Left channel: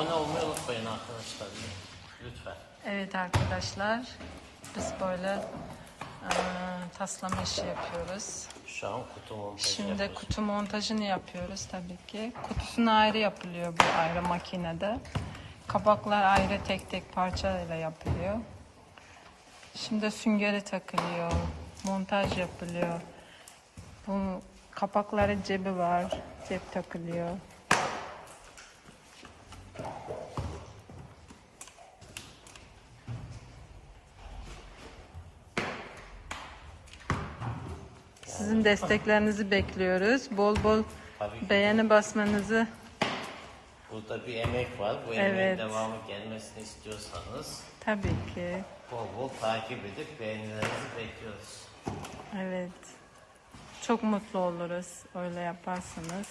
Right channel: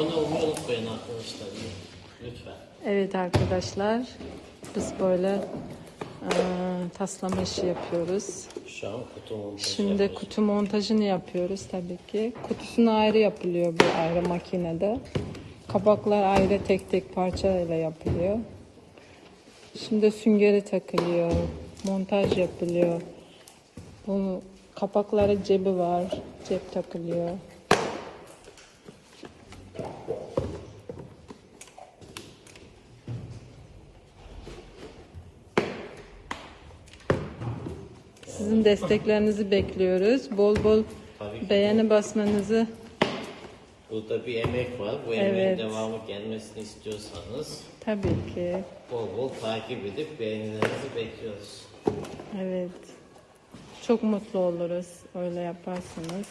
abone olmayı unutmayın arkadaşlar. Lütfen. Evet arkadaşlar, biz böyle eee taslama işi yapıyoruz. Şu an kutu montajı Şimdi yapıyoruz. kutu montajını yapıyoruz tabii ki. Kutusunu ayrı yapılıyor bu ayrı makinede. Kapaklar ayrı tek tek parçayla yapılıyor. Şimdi süngeri takılıyor. Montaj yapılıyor. Bu kapakları cebi var. Cep takılıyor. Sizin desteklerinizi bekliyoruz. Bol bol beğeni basmanızı Burada bir emek var. Bu emeğin Evet. devamı gelmesini istiyorsanız tabii ki. bol bol takip edip beğenilerinizi bekliyoruz. Evet. Çok mutlu oluruz öyle yaparsanız.